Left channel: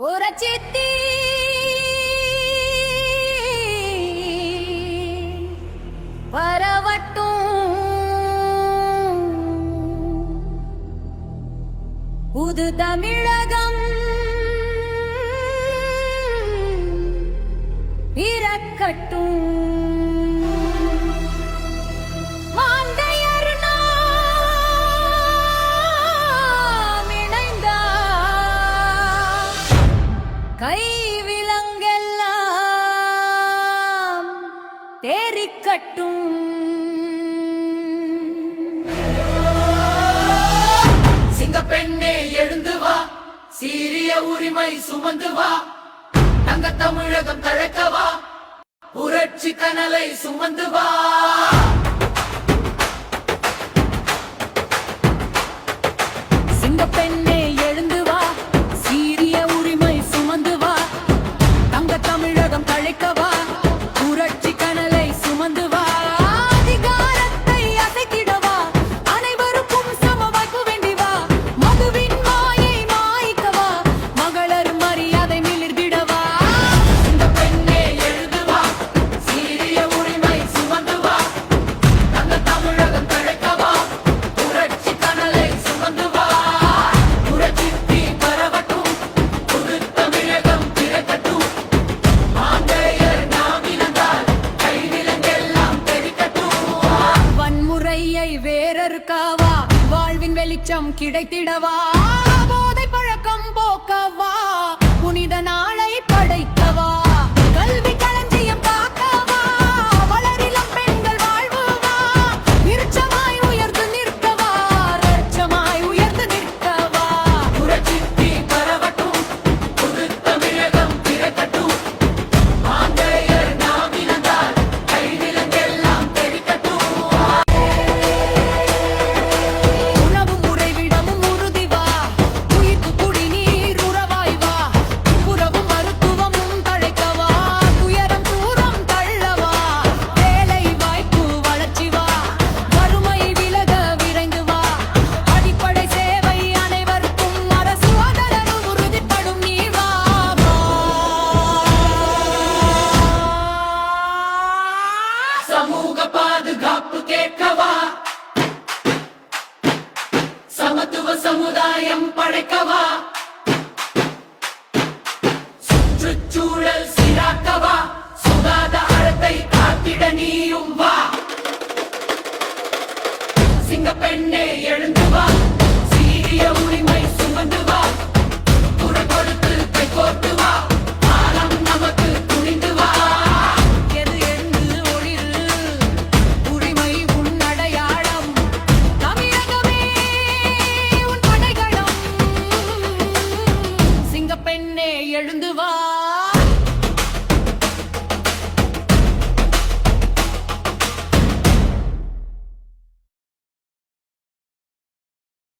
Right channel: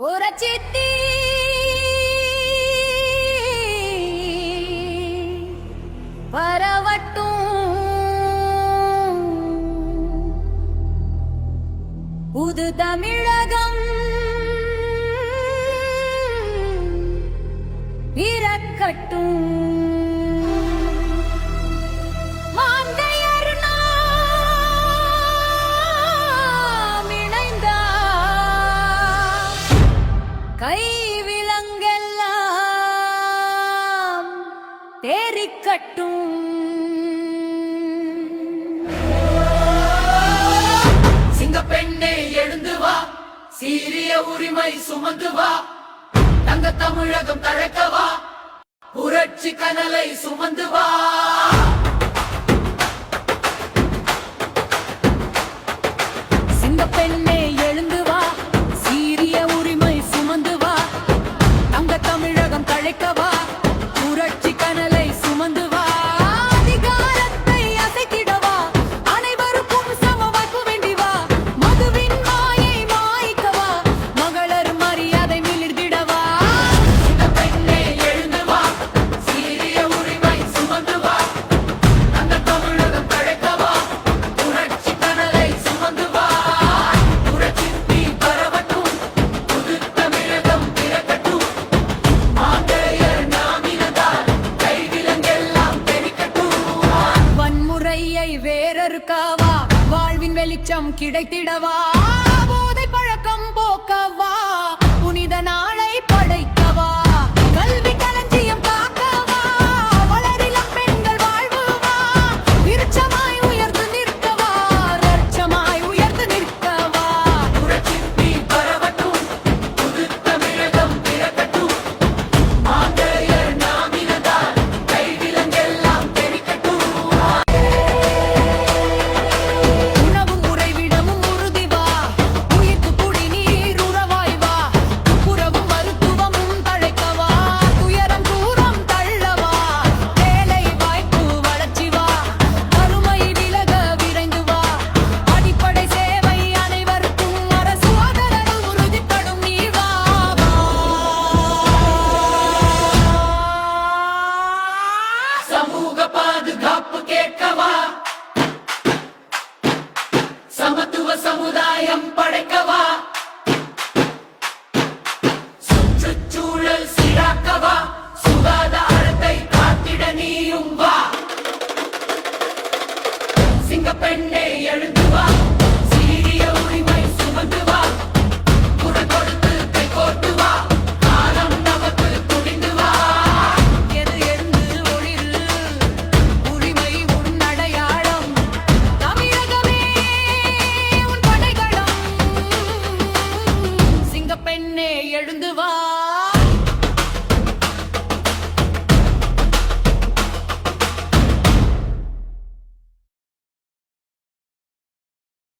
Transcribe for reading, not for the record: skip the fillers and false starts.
புரட்சித்தி பரவட்டும் புது தமிழகம் பிறக்கட்டும். மாந்தையர் நாம் இணைந்தார் கைவிலங்கெல்லாம் தேறிக்கட்டும். சிங்கப்பெண்ணே எழுந்து வா, சீரிய உரிமை சுமந்து வா, தங்க தமிழகம் தழைக்கவா, புரட்சி கனலை சுமந்து வா. சிங்கப்பெண்ணே எழுந்து வா, சீரிய உரிமை சுமந்து வா, தங்க தமிழகம் தழைக்கவா, புரட்சி கனலை சுமந்து வா. அதிகாரத்தை அசைத்திடவா, அனைவருக்கும் சம வாய்ப்பு வேண்டி வா, மதுவின் மாயை மாய்க்கவா, மகளர் மரியாதை மிளிர்ந்திடவா. சிங்கப்பெண்ணே எழுந்து வா, சீரிய உரிமை சுமந்து வா, தங்க தமிழகம் தழைக்கவா, புரட்சி கனலை சுமந்து வா. புரட்சி தீ பரவட்டும், புது தமிழகம் பிறக்கட்டும். மாந்தையர் நாம் இணைந்தால் கைவிலங்கெல்லாம் தெரிக்கட்டும். வன்முறையை வேறறுக்கவா, வாழ்வின் வெளிச்சம் கிடைத்திடவா, போதை பழக்கம் போக்கவா, புனித நாளை படைக்கவா, கல்வி களஞ்சியம் காக்கவா, வளரிளம் பெண்கள் வாழ்வுவா, விருட்சமாய் உயர்ந்து நிற்கவா, ரட்சமாய் உயர்ந்து நிற்கவா. புரட்சி தீ பரவட்டும், புது தமிழகம் பிறக்கட்டும். மாந்தையர் நாம் இணைந்தால் கைவிலங்கெல்லாம் தெரிக்கட்டும். உணவும் உறைவிடமும் உறுதி வா, உயிர்க்கு குடிநீர் உறவாய் வா, துப்புரவும் மருத்துவமும் தழைக்கவா, துயரம் தூரம் தள்ளவா, வேலை வாய்ப்பு வளர்ச்சி வா, வறுமை விலக விரைந்து வா, அடிப்படை சேவை அனைவருக்கும் அரசு ஆதரவு உறுதிப்படும் நீ வா வா. சமூக பாதுகாப்பு கேட்கவா, சமத்துவ சமுதாயம் படைக்கவா, சுற்றுச்சூழல் சீராக்கவா, சுகாதாரத்தை காத்திட நீயும் வா. சிங்கப்பெண்ணே எழுந்து வா, சீரிய உரிமை சுமந்து வா, குரல் கொடுத்து கை கோர்த்து வா, காலம் நமக்கு துணிந்து வா. எது எழுந்து ஒளிரு, உரிமை உன் அடையாளம், தமிழகமே உன் படைகளம். சிங்கப்பெண்ணே எழுந்து வா.